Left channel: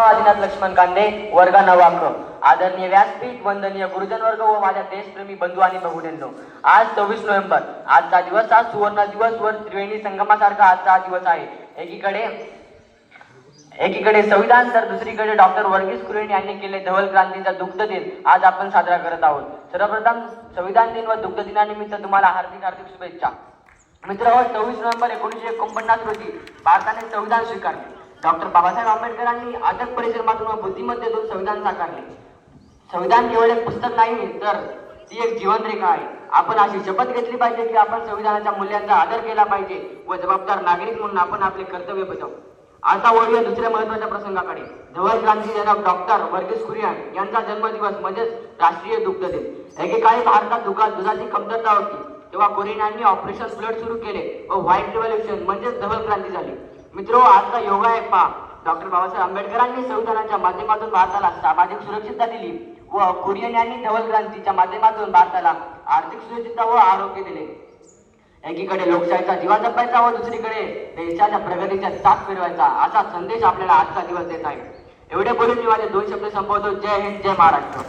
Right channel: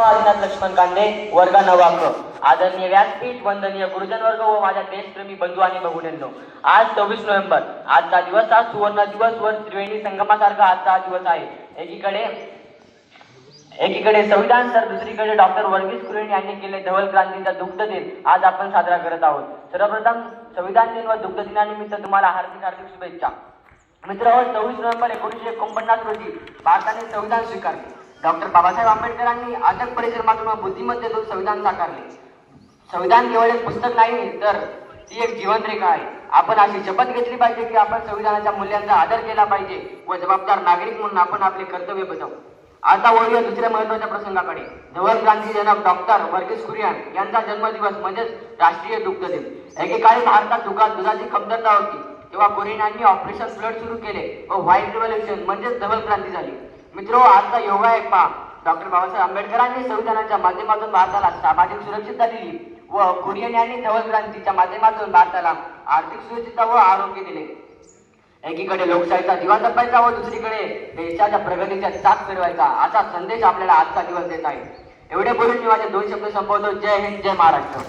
आदिनाथ लक्ष्मण कांदे वर्ग नवांक आदरणीय व्यासपीठ वंदनीय गुरुजन वर्ग व माझ्या देशप्रेमी बंधू आणि भगिनींनो आज सव्वीस नोव्हेंबर आजचा दिवस हा सुवर्ण दिवस व त्रिवेणी संगमासारखा आजचा दिवस आहे. एकीकडे एकीकडे संविधान तर दुसरीकडे डॉक्टर वर्गीस कुरियन यांनी केले धवल क्रांतीचा दुग्ध दिन आज आपण साजरा करत आहोत. सर्वप्रथम संविधान दिन व दुग्ध दिनानिमित्त तुम्हाला हार्दिक हार्दिक शुभेच्छा. मित्र सव्वीस नोव्हेंबर एकोणीसशे एकोणपन्नास रोजी भारताने संविधान स्वीकारले. डॉक्टर बाबासाहेब आंबेडकरांनी अथक परिश्रमातून बुद्धिमत्ते देऊन संविधान साकारले. संविधान केवळ एक पुस्तक नाही तर ती एक जीवनरेखा आहे. आपण अशी शपथ घेतली पाहिजे की आपण संविधानाच्या मूल्यांचा आदर केला पाहिजे व जबाबदार नागरिक म्हणून आपण आपले कर्तव्य बजावू. आता वळूया दुसऱ्या महत्त्वाच्या प्रसंगाकडे. धवल क्रांती जनक डॉक्टर वर्गीस कुरियन यांचा जन्मदिवस म्हणजेच राष्ट्रीय दुग्ध दिन. एकेकाळी भारतात दुकान दुधाची कमतरता होती. तेव्हा कुरियन यांनी ऑपरेशन फ्लड सुरू केले व व्हाईट रिव्हॉल्युशन म्हणजेच धवल क्रांती झाली. मित्रो आजचा योगा आहे पहा डॉक्टर बाबासाहेब आंबेडकरांनी संविधानाच्या माध्यमातून भारताला सामाजिक सुरक्षितता दिली व कुरियन यांनी धवल क्रांतीच्या माध्यमातून भारताला आर्थिक सुरक्षितता व आरोग्य दिले. एकीकडे लोकशाहीचा जीवा जपायचा व दुसरीकडे देशाच्या प्रगतीचा चाक फिरवायचा असा संदेश आपल्याला आजचा दिवस देत आहे. एवढे बोलून मी माझे दोन शब्द संपवतो. जय हिंद जय महाराष्ट्र.